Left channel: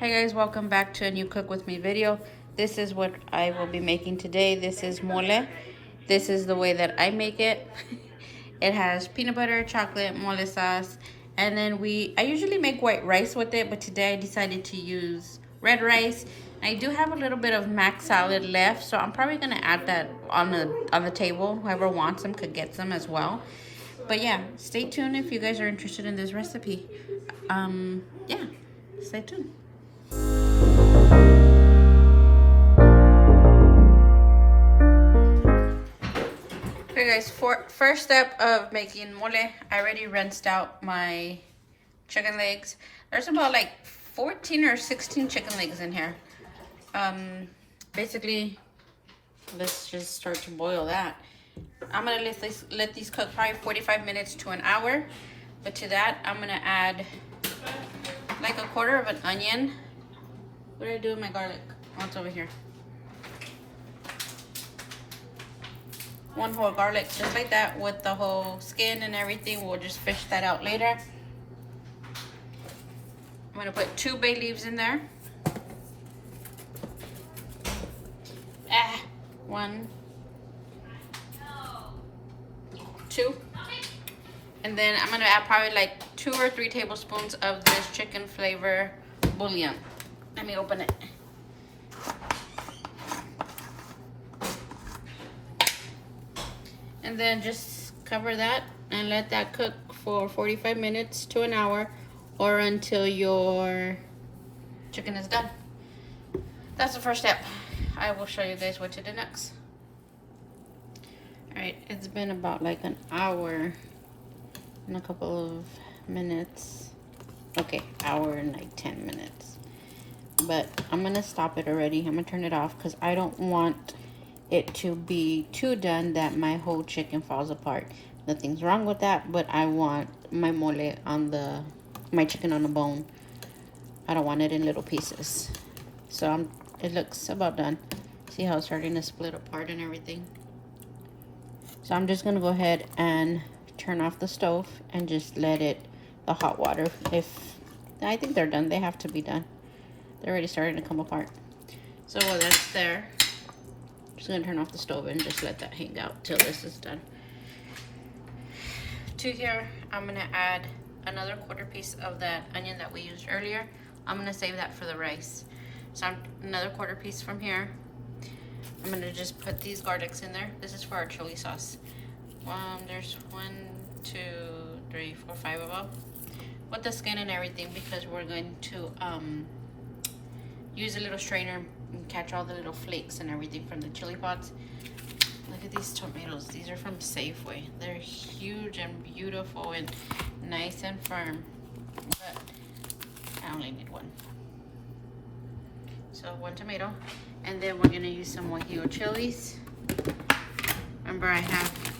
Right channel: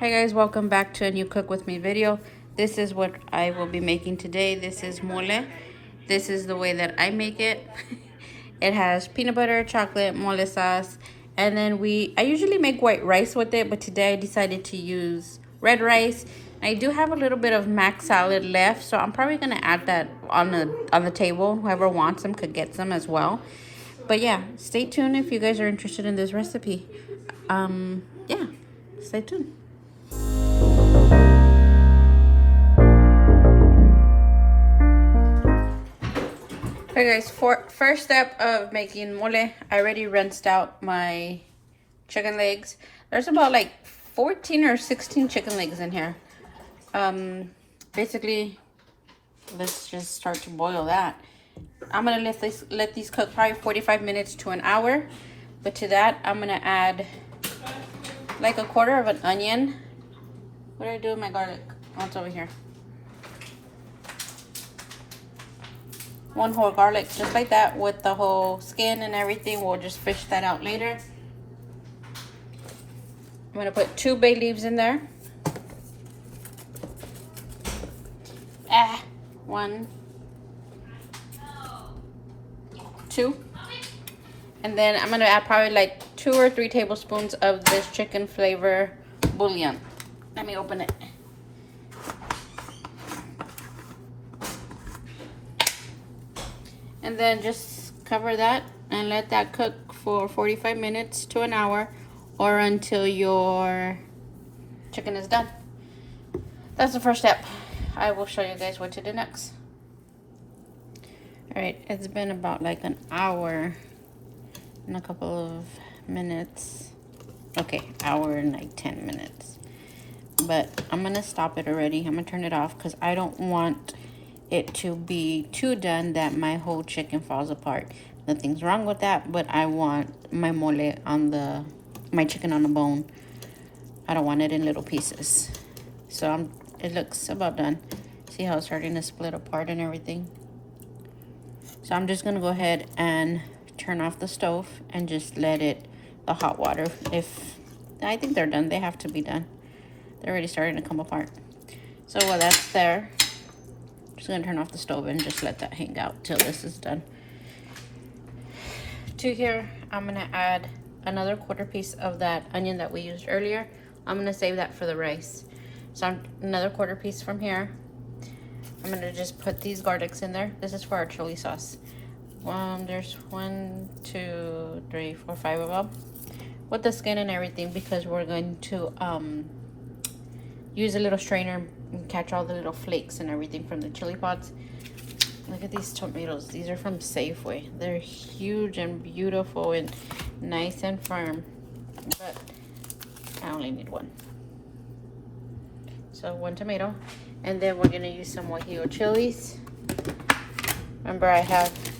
Hey guys, welcome back to a new cook with me video. This is what I will be making today. This is mole. This is the way that I make it. It has peanut butter, chocolate, mole sauce, and then I usually make white rice with it, but today I decided to use red rice. I do have a little bit of mac salad left, so I'm probably gonna add that on the table. Whoever wants some could get some as well. But yeah, stay tuned if you guys are interested in this recipe. Yeah, stay tuned. Okay guys, first step of making mole, I already rinsed out my chicken legs. There's about like 14 or 16 chicken legs in here. Basically, let's just start to boil that. I'm gonna let these cook probably 45 minutes to an hour. But to that, I'm gonna add like a quarter of an onion. What did I do with my garlic? Oh, it's over here. One whole garlic, just like that, with the whole skin and everything. We'll just fish that out later. I'm gonna put 2 bay leaves in there. 1, 2. And then I'm gonna add probably like 2 or 3 tablespoons of this chicken flavor bouillon. Let me open it. And then just cover that and let that cook for 45 minutes to an hour, or until your chicken is done. That's the first step. I will show you guys what to do next. All right, it's been about like an hour and a couple of minutes. Okay, hour and like 10 minutes. But I'm gonna stop it already. I'm gonna turn it off because I don't want it to be too done that my whole chicken falls apart. Nothing's wrong with that, but I want my mole on my chicken on the bone. I don't want it in little pieces. So it looks about done. See how it's starting to split apart and everything? So I'm just gonna go ahead and turn off the stove and just let the hot water, I think they're done. They have to be done. They're already starting to come apart. So while that's there, I'm just gonna turn off the stove and just let that hang out till this is done. To here, I'm gonna add another quarter piece of that onion that we used earlier. I'm gonna save that for the rice. So another quarter piece from here. I'm gonna just put these garlics in there. This is for our chili sauce. There's 1, 2, 3, 4, 5 of them with the skin and everything, because we're going to use a little strainer and catch all the little flakes and everything from the chili pods. Look at these tomatoes. These are from Safeway. They're huge and beautiful and nice and firm, but I only need 1. So 1 tomato. And then we're gonna use some Guajillo chilies. Remember,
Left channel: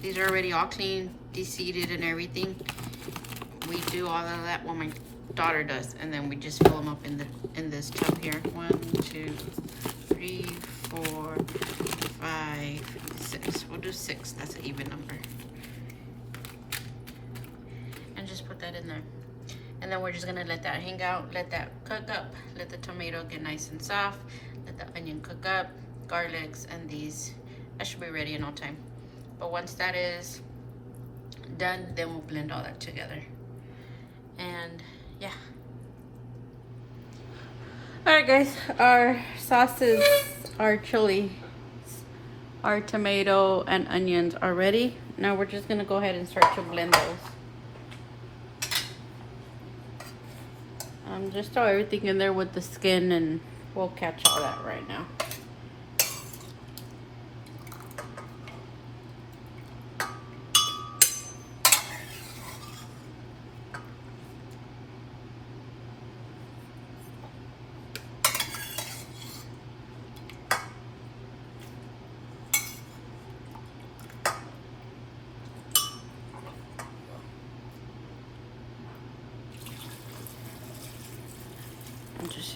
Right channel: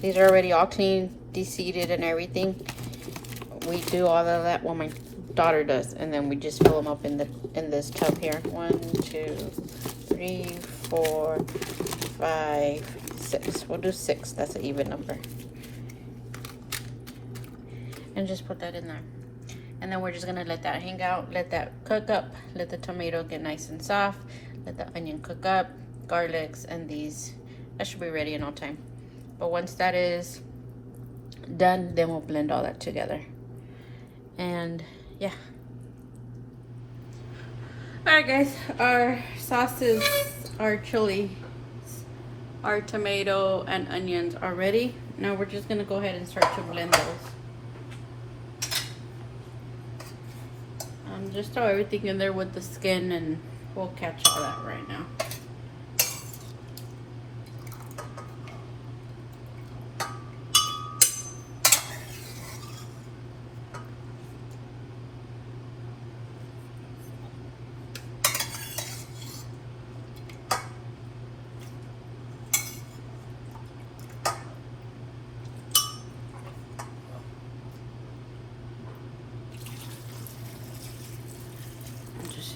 these are already all clean, de-seeded and everything. We do all of that, well, my daughter does, and then we just fill them up in this tub here. 1, 2, 3, 4, 5, 6. We'll do 6. That's an even number. And just put that in there. And then we're just gonna let that hang out, let that cook up, let the tomato get nice and soft, let the onion cook up, garlics, and these. That should be ready in no time. But once that is done, then we'll blend all that together. And yeah. Alright guys, our sauces, our chili, our tomato and onions are ready. Now we're just gonna go ahead and start to blend those. Just throw everything in there with the skin, and we'll catch all that right now.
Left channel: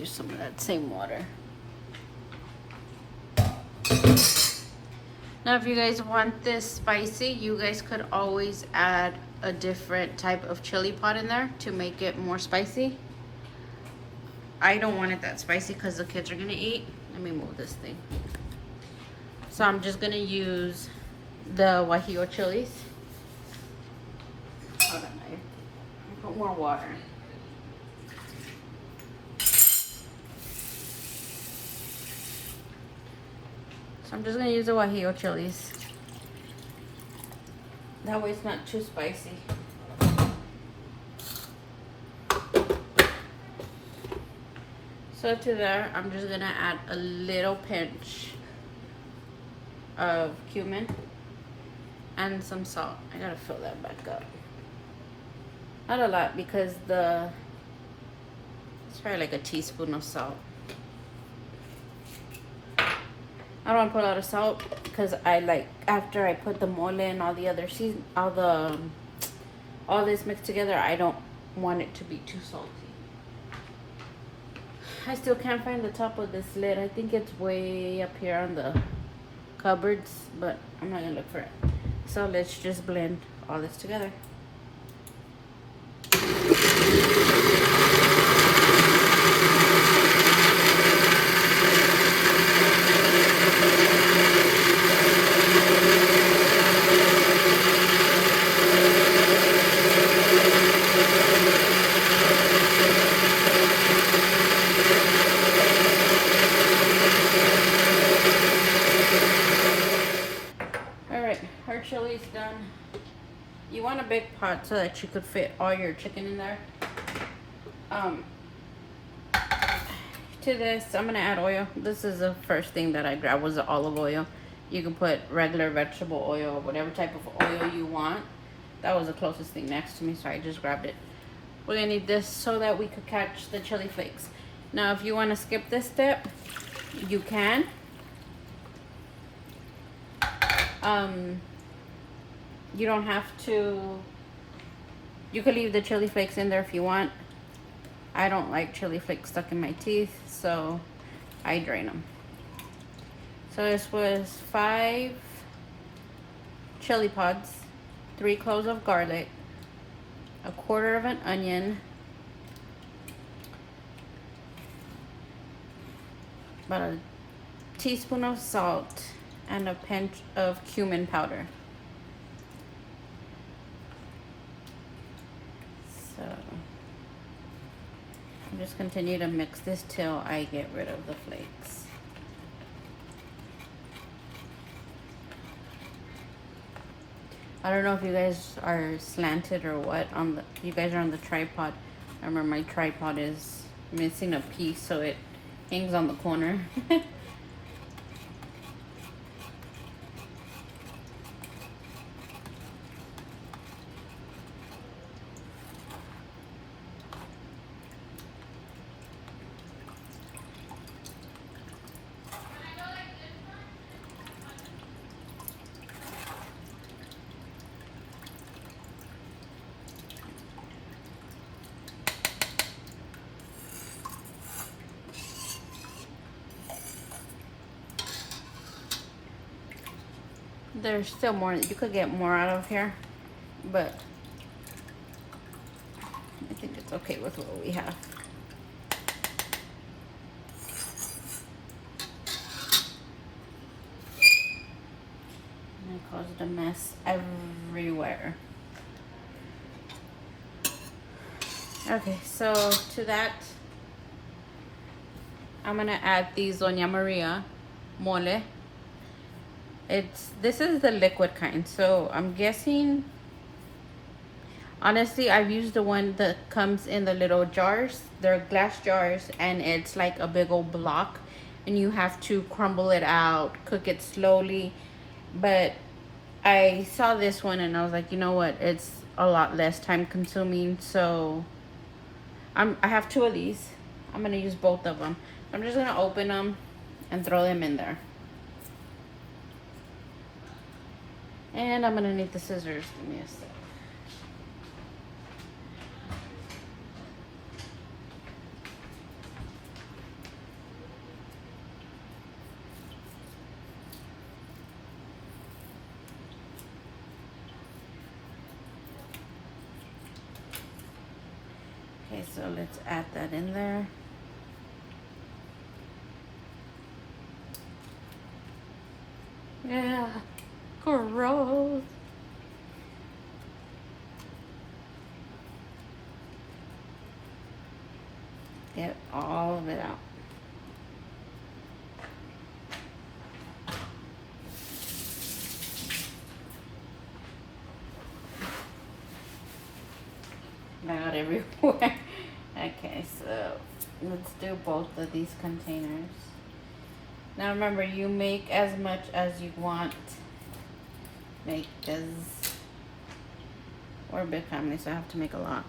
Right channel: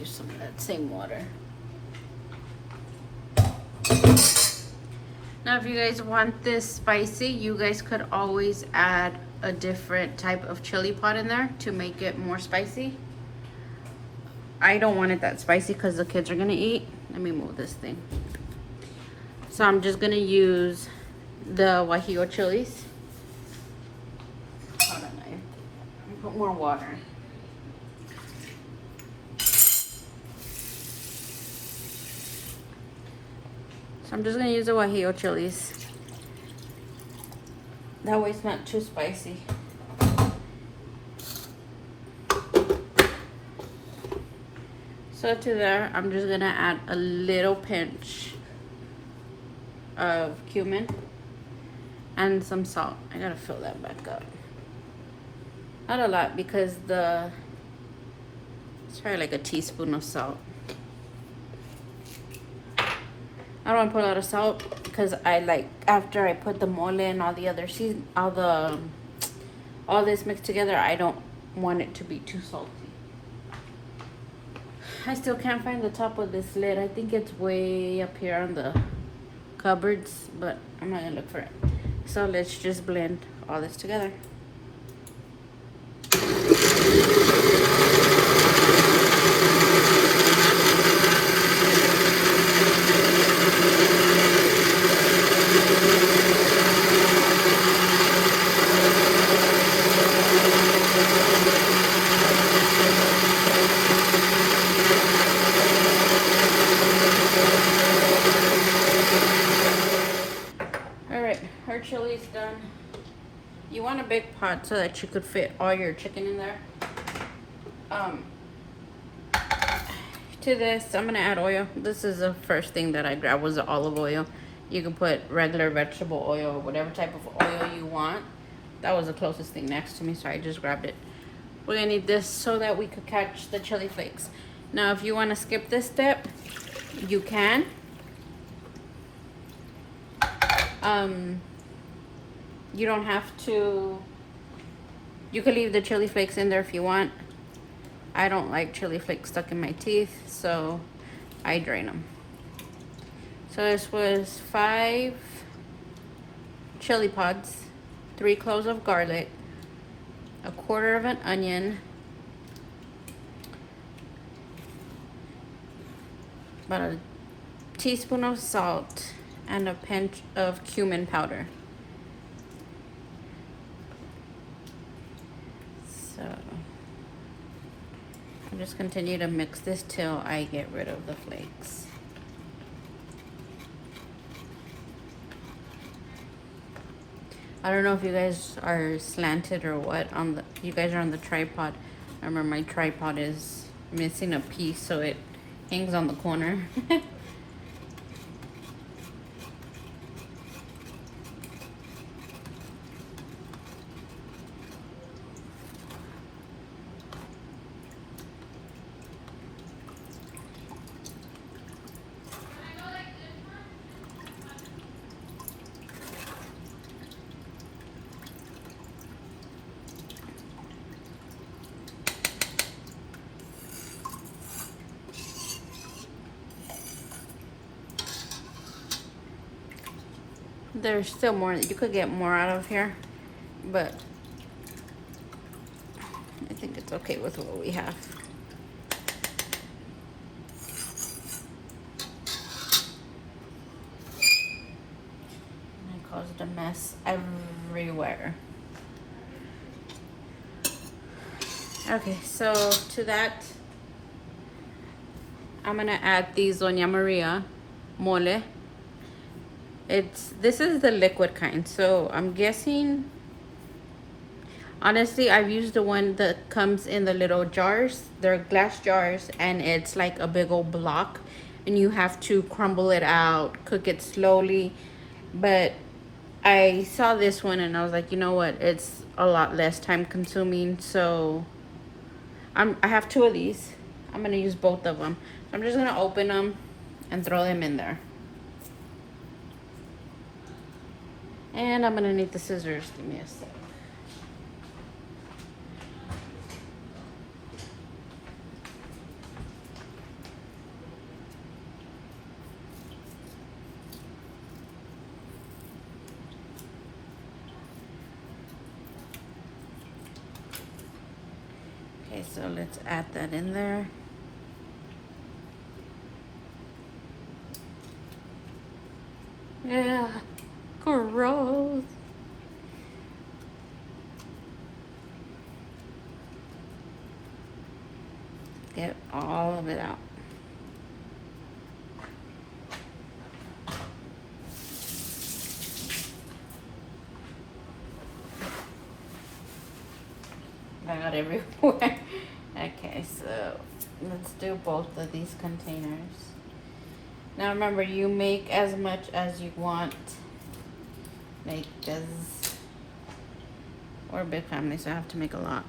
Use some of that same water. Now if you guys want this spicy, you guys could always add a different type of chili pot in there to make it more spicy. I don't want it that spicy because the kids are gonna eat. Let me move this thing. So I'm just gonna use the Guajillo chilies. Hold on, babe. I'll put more water. So I'm just gonna use the Guajillo chilies. That way it's not too spicy. So to there, I'm just gonna add a little pinch of cumin and some salt. I gotta fill that back up. Not a lot because it's probably like a teaspoon of salt. I don't put a lot of salt because I like, after I put the mole and all the other season, all this mixed together, I don't want it to be too salty. I still can't find the top of this lid. I think it's way up here on the cupboards, but I'm not gonna look for it. So let's just blend all this together. Chili's done. You want a big pot so that you could fit all your chicken in there. To this, I'm gonna add oil. This is the first thing that I grabbed, was the olive oil. You can put regular vegetable oil or whatever type of oil you want. That was the closest thing next to me, so I just grabbed it. We're gonna need this so that we could catch the chili flakes. Now, if you want to skip this step, you can. You don't have to. You can leave the chili flakes in there if you want. I don't like chili flakes stuck in my teeth, so I drain them. So this was 5 chili pods, 3 cloves of garlic, 1/4 of an onion, about a teaspoon of salt, and a pinch of cumin powder. Just continue to mix this till I get rid of the flakes. I don't know if you guys are slanted or what. You guys are on the tripod. Remember, my tripod is missing a piece, so it hangs on the corner. There's still more that you could get more out of here, but I think it's okay with what we have. And it caused a mess everywhere. Okay, so to that, I'm gonna add the Doña Maria mole. This is the liquid kind, so I'm guessing, honestly, I've used the one that comes in the little jars. They're glass jars, and it's like a big old block, and you have to crumble it out, cook it slowly. But I saw this one and I was like, you know what, it's a lot less time consuming, so I have 2 of these. I'm gonna use both of them. I'm just gonna open them and throw them in there. And I'm gonna need the scissors. Give me a sec. Okay, so let's add that in there. Yeah, gross. Get all of it out. I got everywhere. Okay, so let's do both of these containers. Now remember, you make as much as you want. Make this. We're a big family, so I have to make a lot.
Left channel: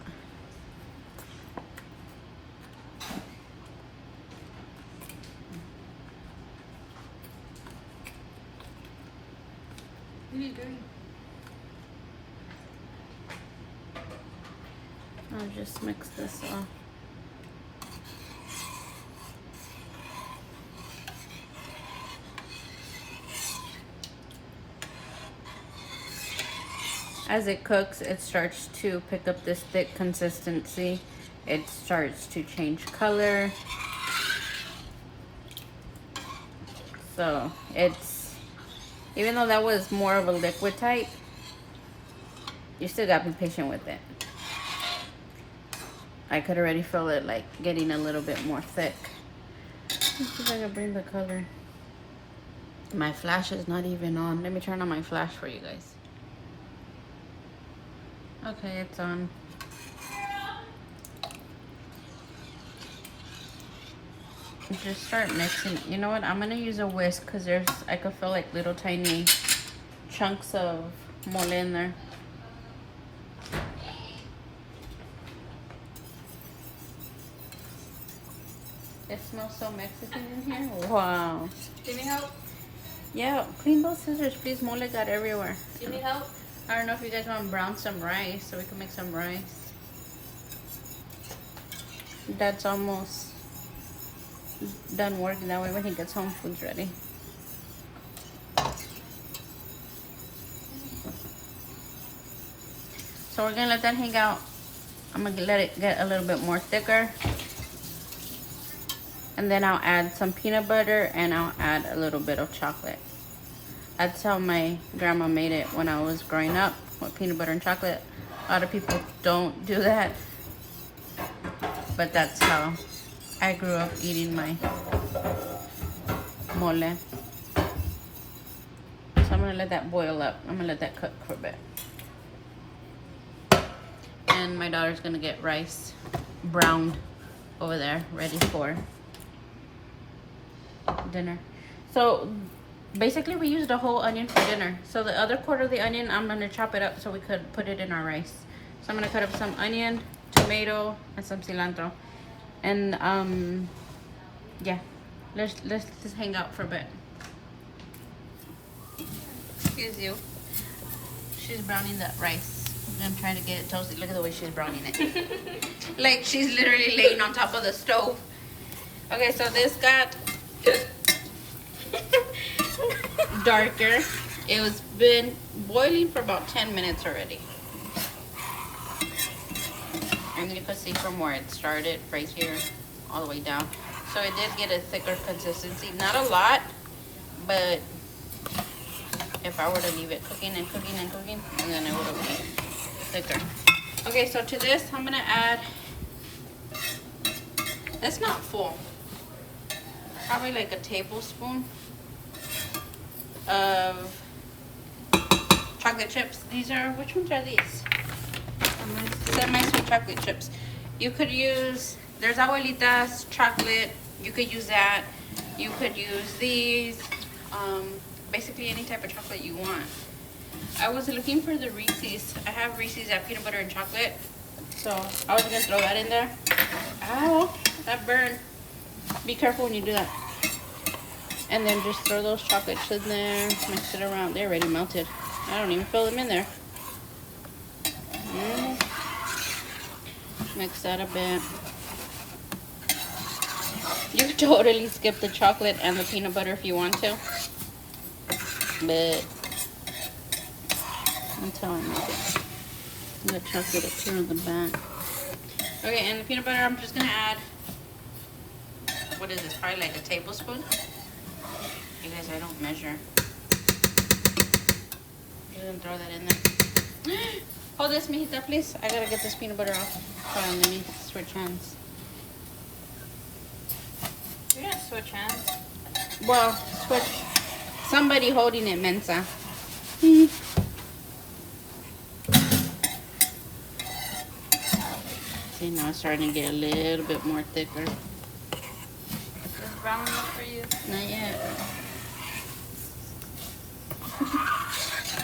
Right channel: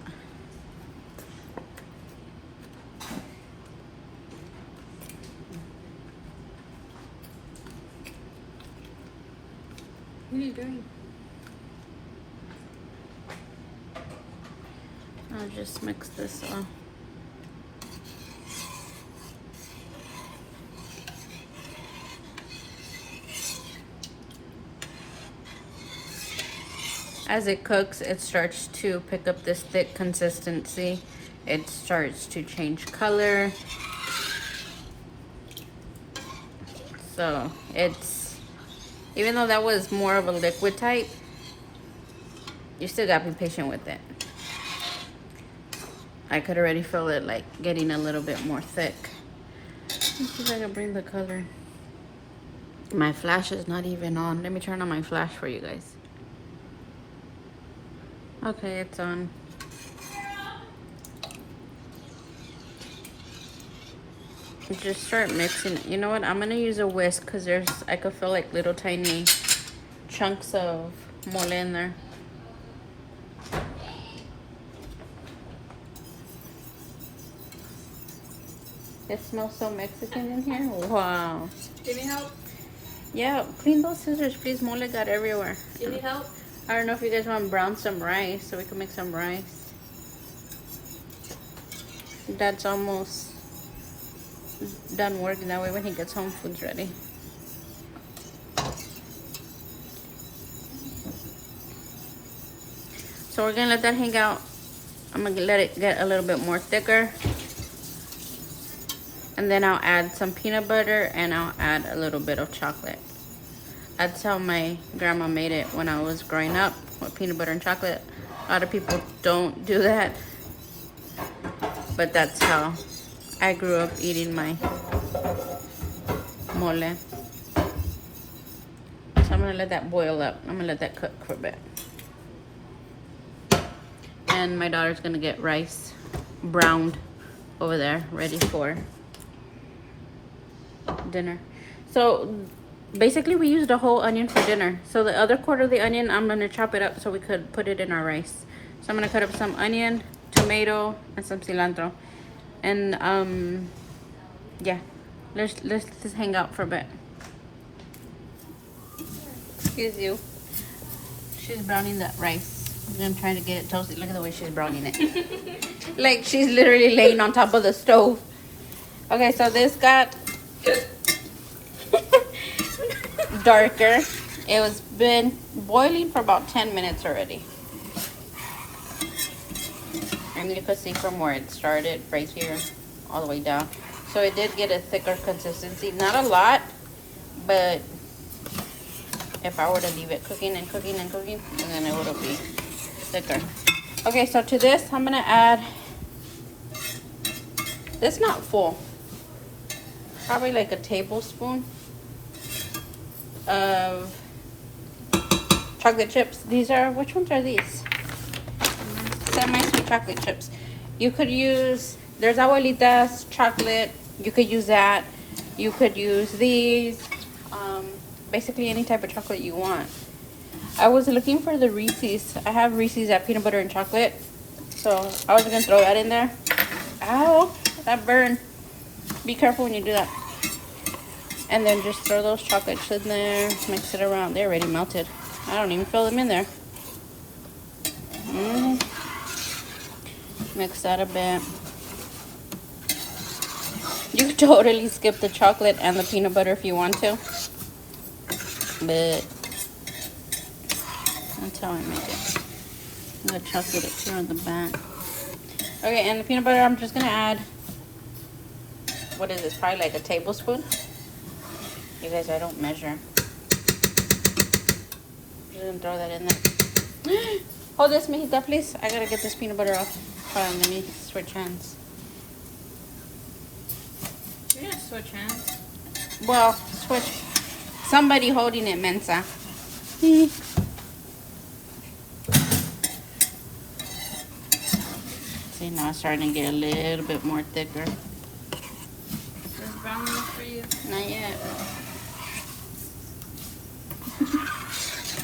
What are you doing? I'll just mix this in. As it cooks, it starts to pick up this thick consistency. It starts to change color. So it's, even though that was more of a liquid type, you still gotta be patient with it. I could already feel it like getting a little bit more thick. I'm gonna bring the color. My flash is not even on. Let me turn on my flash for you guys. Okay, it's on. Just start mixing. You know what? I'm gonna use a whisk because I could feel like little tiny chunks of mole in there. It smells so Mexican in here. Wow. Do you need help? Yeah, clean those scissors, please. Mole got everywhere. Do you need help? I don't know if you guys want to brown some rice so we can make some rice. Dad's almost done working. That way when he gets home, food's ready. So we're gonna let that hang out. I'm gonna let it get a little bit more thicker. And then I'll add some peanut butter and I'll add a little bit of chocolate. That's how my grandma made it when I was growing up, with peanut butter and chocolate. A lot of people don't do that, but that's how I grew up eating my mole. So I'm gonna let that boil up. I'm gonna let that cook for a bit. And my daughter's gonna get rice browned over there, ready for dinner. So basically we used a whole onion for dinner. So the other quarter of the onion, I'm gonna chop it up so we could put it in our rice. So I'm gonna cut up some onion, tomato, and some cilantro. And yeah, let's just hang out for a bit. Excuse you. She's browning that rice. I'm gonna try to get it toasted. Look at the way she's browning it. Like she's literally laying on top of the stove. Okay, so this got darker. It was been boiling for about 10 minutes already. And you could see from where it started right here all the way down. So it did get a thicker consistency. Not a lot, but if I were to leave it cooking and cooking and cooking, and then it would be thicker. Okay, so to this I'm gonna add, it's not full, probably like a tablespoon of chocolate chips. These are, which ones are these? Semi-sweet chocolate chips. You could use, there's Abuelita's chocolate, you could use that. You could use these, basically any type of chocolate you want. I was looking for the Reese's. I have Reese's at peanut butter and chocolate, so I was gonna throw that in there. Ow, that burned. Be careful when you do that. And then just throw those chocolates in there, mix it around. They're already melted. I don't even fill them in there. Mix that a bit. You could totally skip the chocolate and the peanut butter if you want to. But that's how I make it. The chocolate on the back. Okay, and the peanut butter, I'm just gonna add, what is this, probably like a tablespoon? You guys, I don't measure. You're gonna throw that in there. Hold this, mijita, please. I gotta get this peanut butter off. Let me switch hands. You gotta switch hands. Well, switch. Somebody holding it, Mensa. See, now it's starting to get a little bit more thicker. Brown for you. Not yet.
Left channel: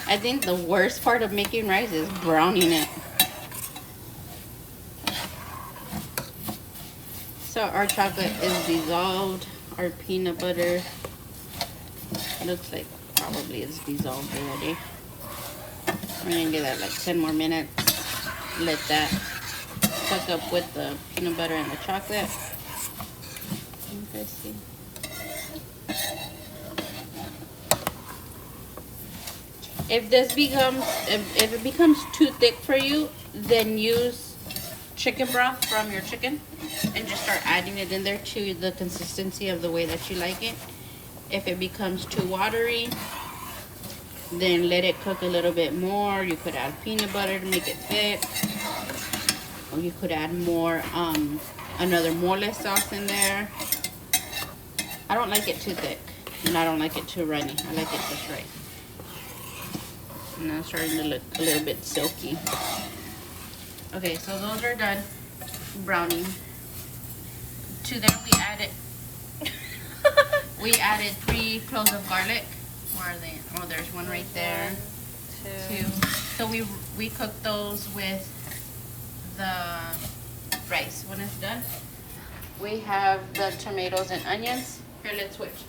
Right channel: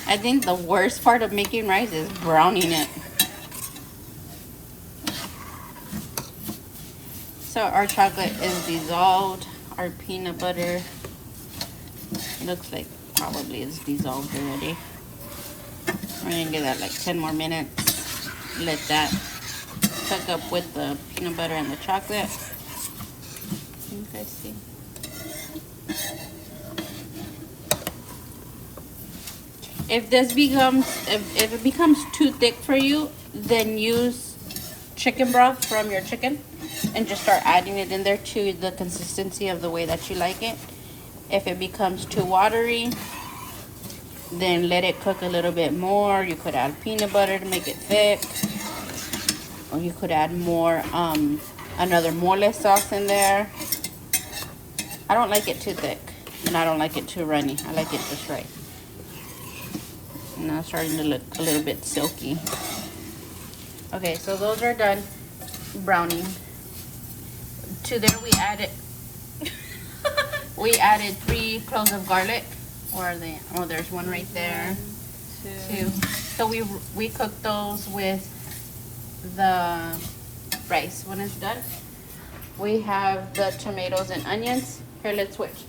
I think the worst part of making rice is browning it. So our chocolate is dissolved. Our peanut butter looks like probably is dissolved already. We're gonna give that like 10 more minutes. Let that cook up with the peanut butter and the chocolate. Let's see. If this becomes, if it becomes too thick for you, then use chicken broth from your chicken and just start adding it in there to the consistency of the way that you like it. If it becomes too watery, then let it cook a little bit more. You could add peanut butter to make it thick, or you could add more another mole sauce in there. I don't like it too thick, and I don't like it too runny. I like it just right. And now it's starting to look a little bit silky. Okay, so those are done browning. To there we added 3 cloves of garlic. Where are they? Oh, there's one right there. 2. So we cooked those with the rice. When it's done, we have the tomatoes and onions. Here, let's switch.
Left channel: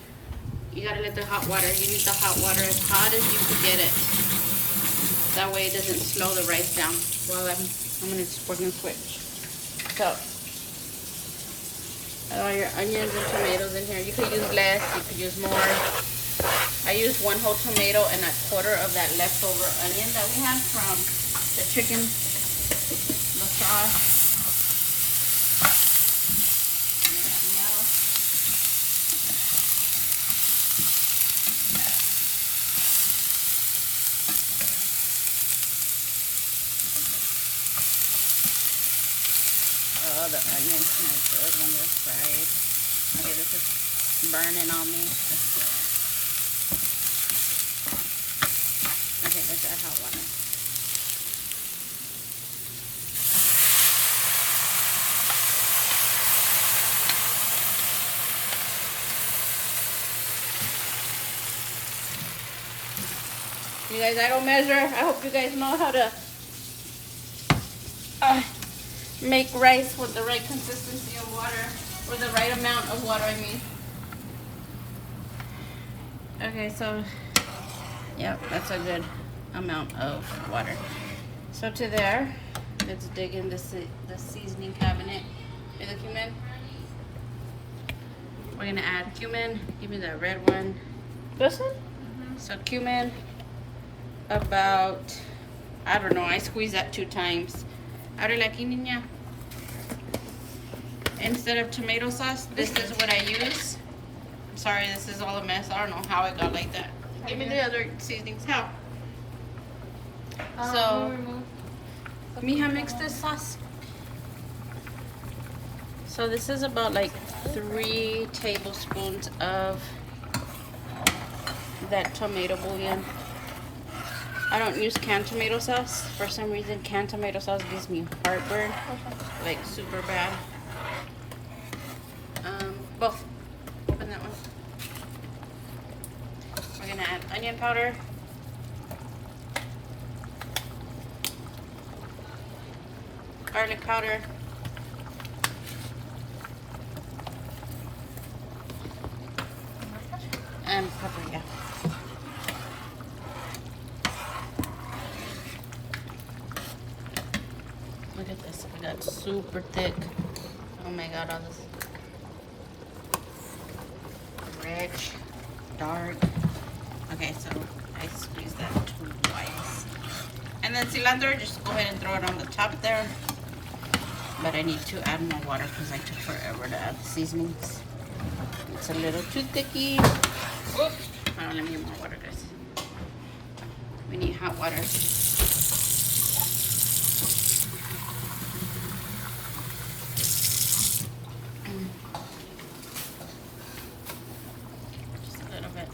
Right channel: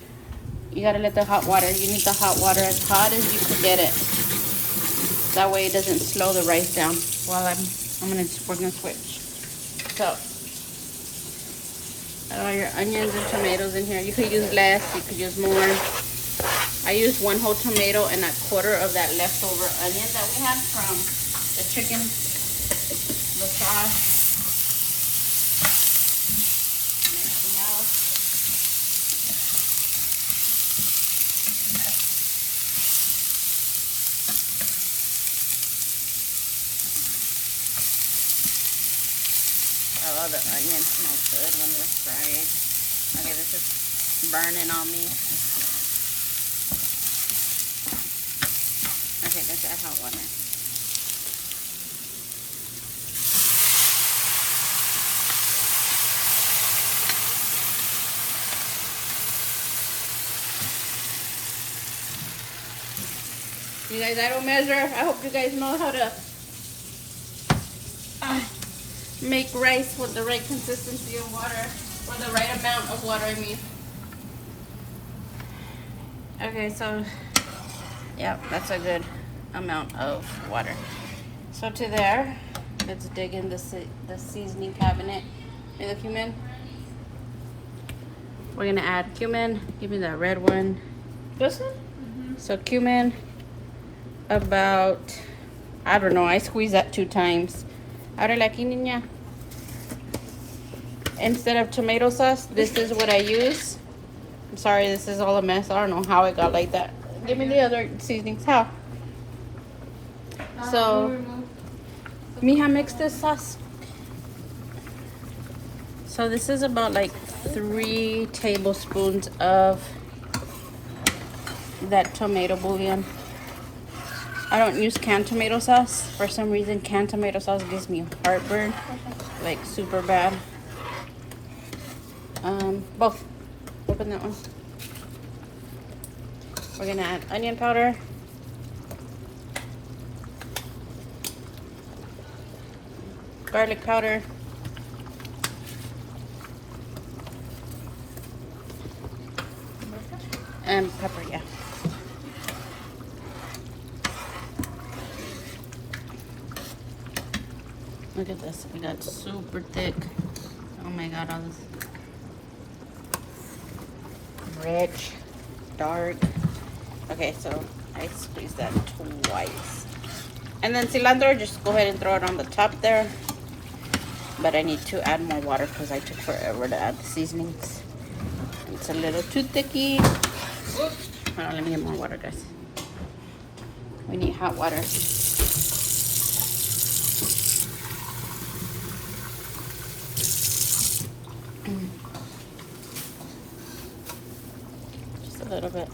You gotta let the hot water. You need the hot water as hot as you can get it. That way it doesn't slow the rice down. While we're gonna switch. So, all your onions and tomatoes in here. You could use less, you could use more. I used 1 whole tomato and 1/4 of that leftover onion that we had from the chicken, the sauce. You guys, I don't measure. I hope you guys know how to make rice with the right consistency of water, or the right amount of water, I mean. Okay, so yeah, that's a good amount of water. So to there, let's dig into the seasoning cabinet. And the cumin. We're gonna add cumin. Give me that red one. This one? Mm-hmm. So cumin. About, I don't know, I squeeze that 2 times. Ahora la aquí, niña. Instead of tomato sauce, this is what I use. I'm sorry, this is all a mess. I don't know how it got like that. Give me the other seasonings. How? So, mija, mix this sauce. So this is about like 3 tablespoons of that tomato bouillon. I don't use canned tomato sauce. For some reason, canned tomato sauce gives me heartburn, like super bad. Both. Open that one. We're gonna add onion powder. Garlic powder. And paprika. Look at this, we got super thick. Oh my god, all this red, dark. Okay, so I squeeze that twice. And then cilantro, just go ahead and throw it on the top there. But I need to add more water because I took forever to add the seasonings. It's a little too thicky. Whoops. Hold on, let me get more water, guys. We need hot water. Just a little bit.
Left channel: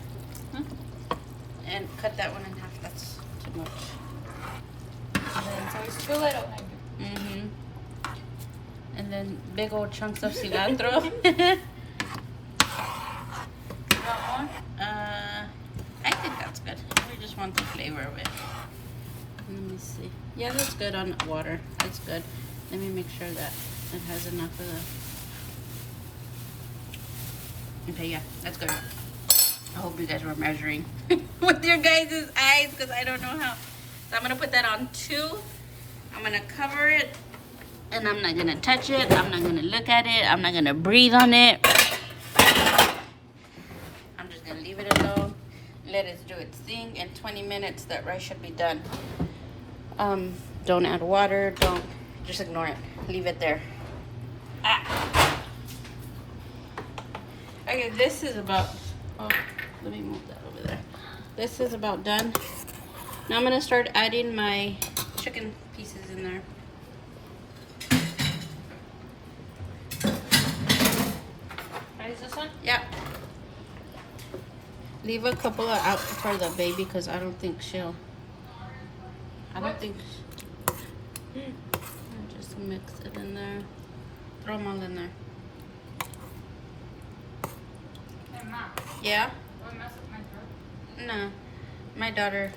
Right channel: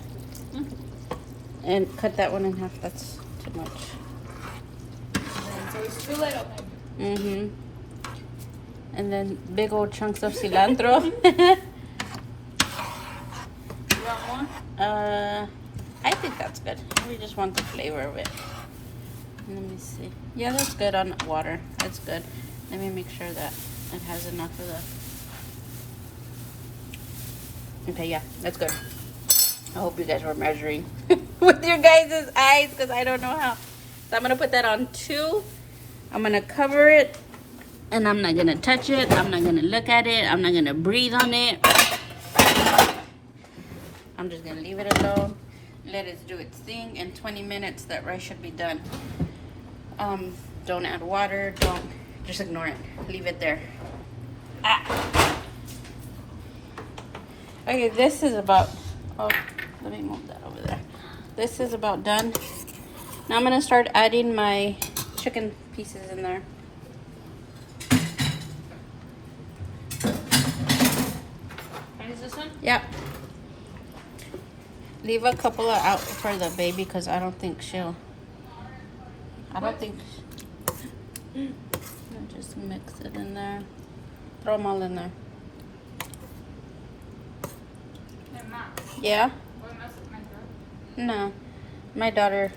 And cut that one in half. That's too much. So it's too little. Mm-hmm. And then big old chunks of cilantro. You want more? I think that's good. We just want the flavor of it. Let me see. Yeah, that's good on water. That's good. Let me make sure that it has enough of the... Okay, yeah, that's good. I hope you guys were measuring with your guys' eyes because I don't know how. So I'm going to put that on 2. I'm going to cover it. And I'm not going to touch it. I'm not going to look at it. I'm not going to breathe on it. I'm just going to leave it alone. Let it do its thing. In 20 minutes, that rice should be done. Don't add water. Don't. Just ignore it. Leave it there. Ah. Okay, this is about... Oh, let me move that over there. This is about done. Now I'm going to start adding my chicken pieces in there. Is this one? Yep. Leave a couple of out for the baby because I don't think she'll. I'll just mix it in there. Throw them all in there. They're not. Yeah? What mess with my throat? No. My daughter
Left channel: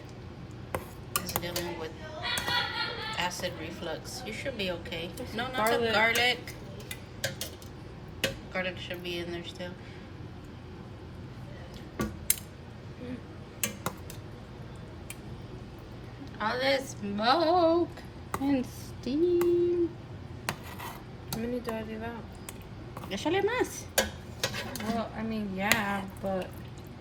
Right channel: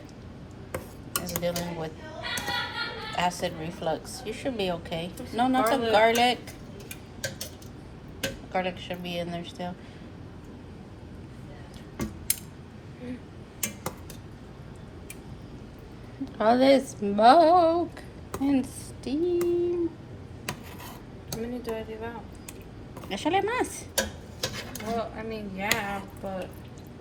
is dealing with acid reflux. You should be okay. No, not the garlic. Garlic should be in there still. All this smoke and steam. How many do I leave out? Échale más. Well, I mean, yeah, but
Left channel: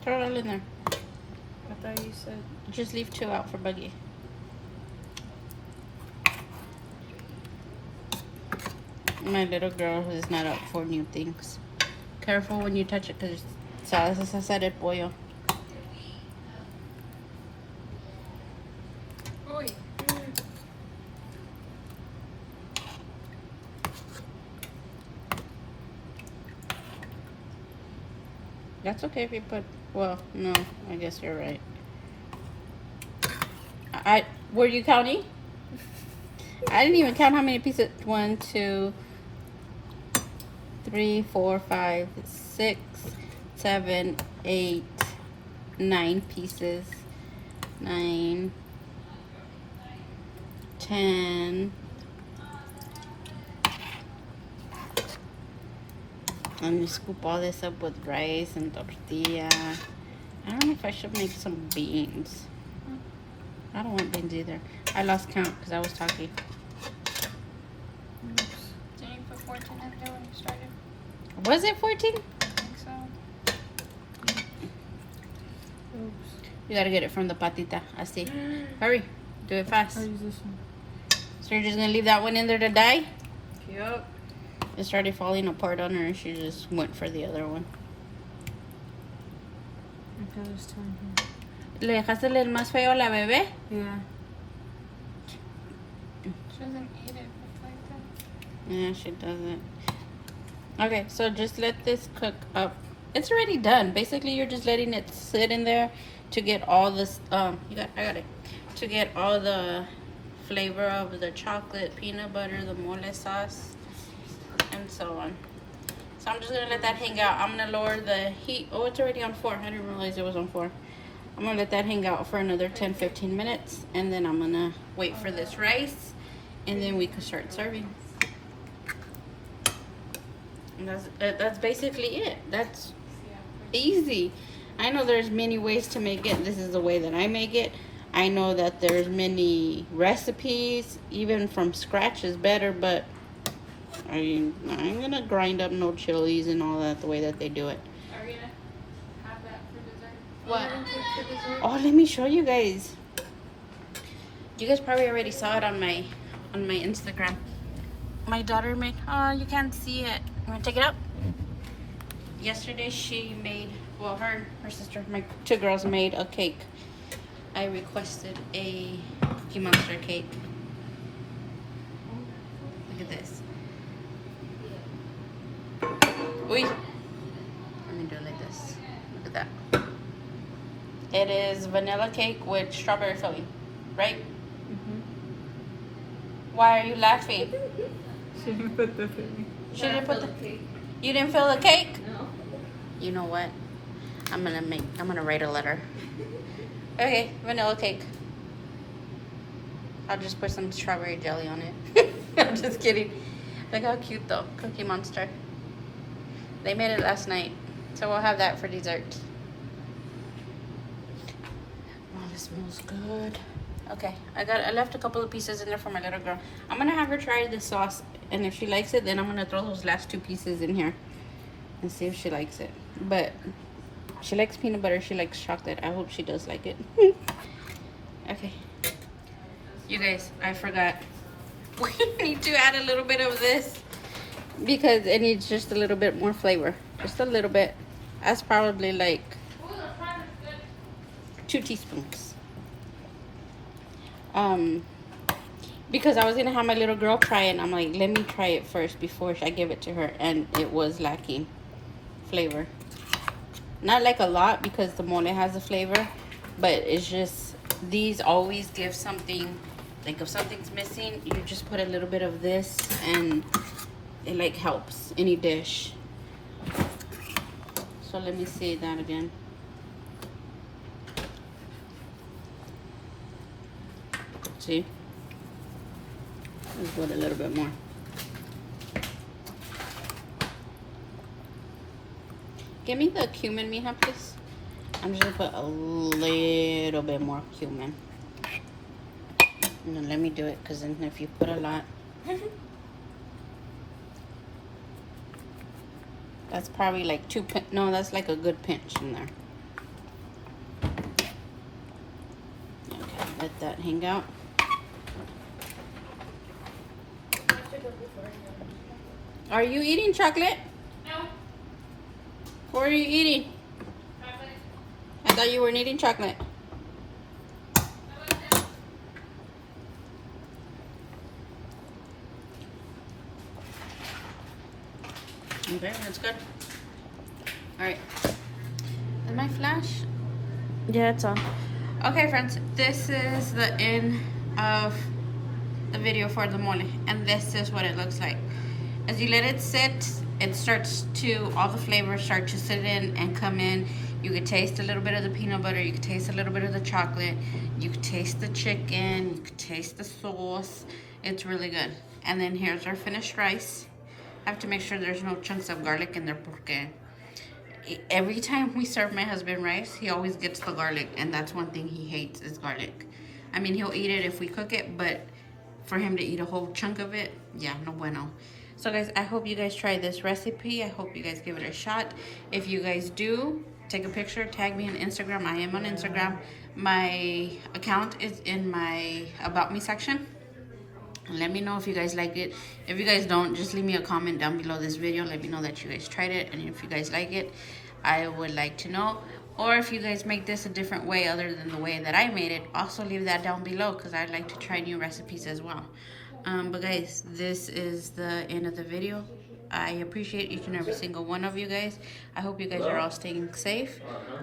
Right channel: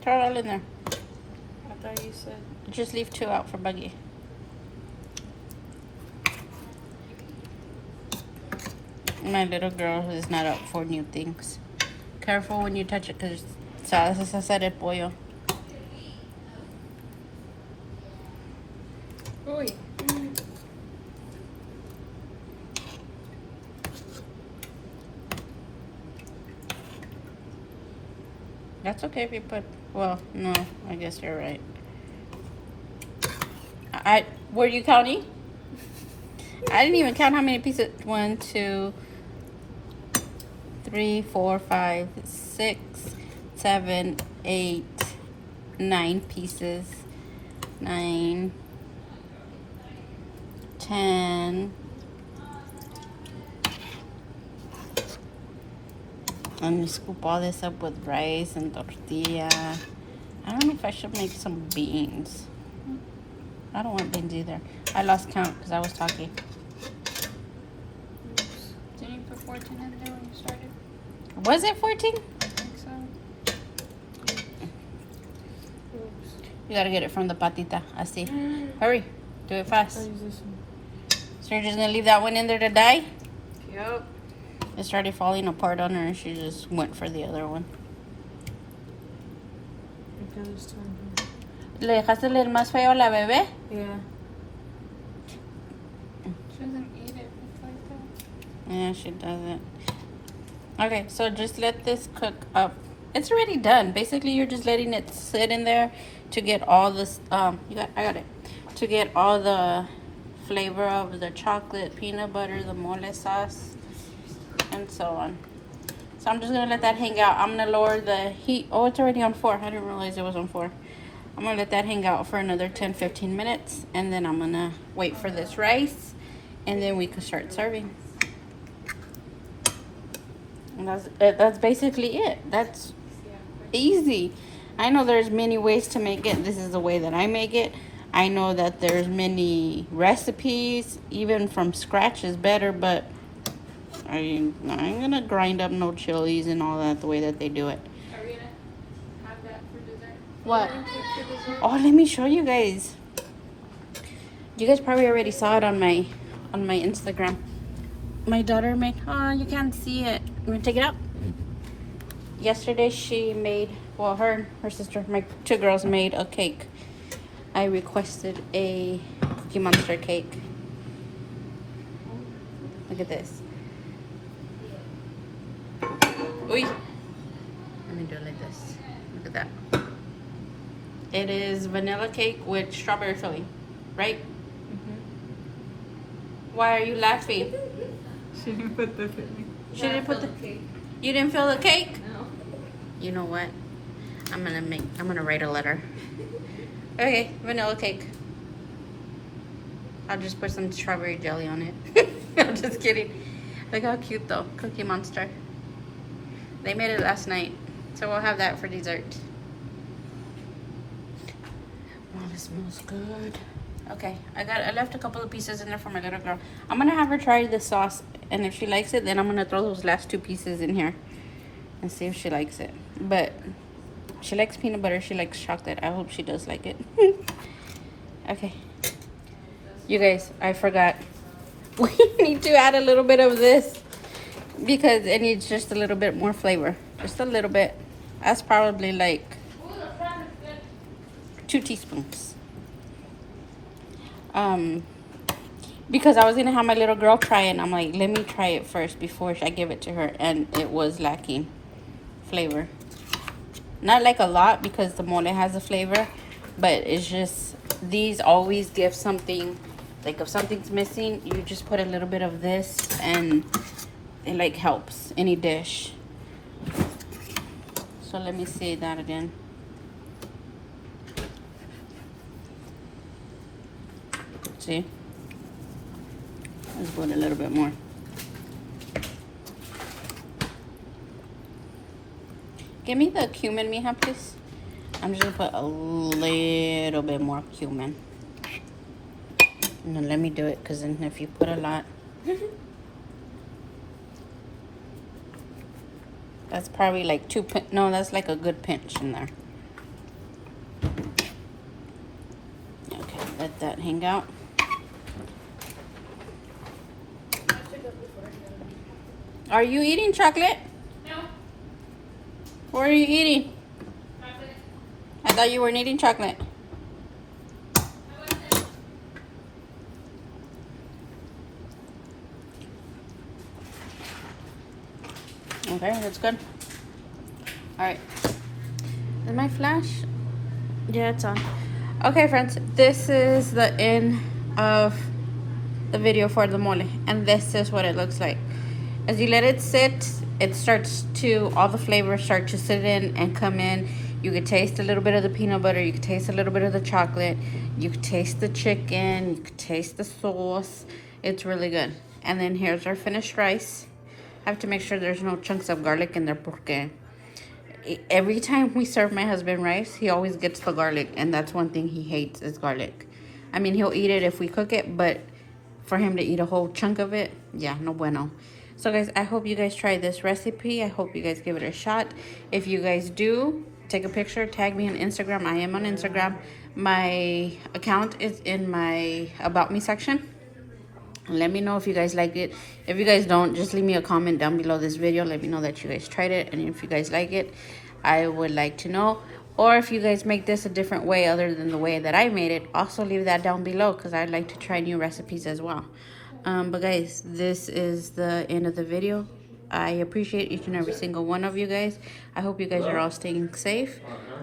Throw it all in there. I thought you said. Just leave 2 out for Buggy. My little girl is not up for new things. Careful when you touch it because sabes hacer el pollo. Uy. That's okay if you put, well, no, I guess you're right. Were you counting? I didn't even count how many pieces. 1, 2, 3, 4, 5, 6, 7, 8, 9 pieces. 9, 10. And we scoop all this up with rice and tortilla. I don't know if I should make some beans. I don't want beans either. I lost count because I was talking. Did you put 14 in there when you started? Was it 14? I think so. You gotta get it from the patita. I see. Hurry. Do it fast. I'll use this one. So you're just gonna leave that one in there to die? Yup. It started falling apart on her and she just went for the other one. I got this time here. ¿Le dejaste el más feo a la bebé? Yeah. She doesn't eat it. It's like that. Yeah, she doesn't. Okay, so just let this cook up. It's already done. Basically, you're just letting it sit in there to get all this. I got it. To get all the flavor of the chocolate, peanut butter, the mole sauce, and so on. So I'm just gonna let that hang out. I'm gonna lower the heat. Oh, it's already on 4. I didn't realize it was on 4. I'm gonna let that hang out for another 10-15 minutes, and then I'm gonna wait for this rice, and then we can start serving. And that's basically it. That's easy. I know there's many ways to make it. This is the way that I make it. I know that there's many recipes, even from scratch is better, but I ain't gonna grind up no chilies and all that the way that they do it. Are we gonna have that for dessert? What? For dessert? Oh, let me show you guys. You guys probably already saw it on my Instagram. My daughter made, oh, you can't see it. You want to take it out? Yesterday she made, well, her and her sister, my 2 girls made a cake. I requested a Cookie Monster cake. Look at this. Uy. Let me do it like this. Look at that. It is vanilla cake with strawberry filling, right? Mm-hmm. Why are you laughing? She didn't put the thing. She didn't put the cake. You didn't fill the cake? No. You know what? I'm gonna write a letter. Okay, vanilla cake. I'll just put some strawberry jelly on it. I'm just kidding. Look how cute though, Cookie Monster. They made it last night, so we'll have that for dessert. Oh, this smells good. Okay, I left a couple of pieces in there for my little girl. I'm gonna have her try the sauce, and if she likes it, then I'm gonna throw those last 2 pieces in here and see if she likes it. But she likes peanut butter, she likes chocolate. I hope she does like it. Okay. You guys, I forgot. We need to add a little bit of this because it needs just a little bit more flavor. Just a little bit. That's probably like 2 teaspoons. Because I was gonna have my little girl try it, and I'm like, let me try it first before I give it to her, and it was lacking flavor. Not like a lot because the mole has a flavor, but it's just, these always give something, like if something's missing, you just put a little bit of this and it like helps any dish. So let me say that again. See? Just want a little bit more. Give me the cumin, mija, please. I'm just gonna put a little bit more cumin. And then let me do it, because then if you put a lot, that's probably like 2 no, that's like a good pinch in there. Okay, let that hang out. Are you eating chocolate? No. What are you eating? I thought you weren't eating chocolate. Okay, that's good. Alright. Is my flash? Yeah, it's on. Okay, friends, this is the end of the video for the mole. And this is what it looks like. As you let it sit, it starts to, all the flavors start to sit in and come in. You could taste a little bit of the peanut butter. You could taste a little bit of the chocolate. You could taste the chicken. You could taste the sauce. It's really good. And then here's our finished rice. I have to make sure there's no chunks of garlic in there porque every time we serve my husband rice, he always gets the garlic. And that's one thing he hates is garlic. I mean, he'll eat it if we cook it, but for him to eat a whole chunk of it, yeah, no bueno. So guys, I hope you guys try this recipe. I hope you guys give it a shot. If you guys do, take a picture, tag me on Instagram. I am on Instagram. My account is in my About Me section. Let me know if you guys like it. If you guys don't, just leave me a comment down below this video. Let me know that you guys tried it. And if you guys like it, I would like to know. Or if you guys make this a different way other than the way that I made it, also leave that down below because I'd like to try new recipes as well. But guys, this is the end of the video. I appreciate each and every single one of you guys. I hope you guys are all staying safe.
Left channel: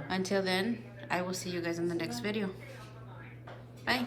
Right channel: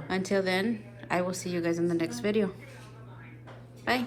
Until then, I will see you guys in the next video. Bye.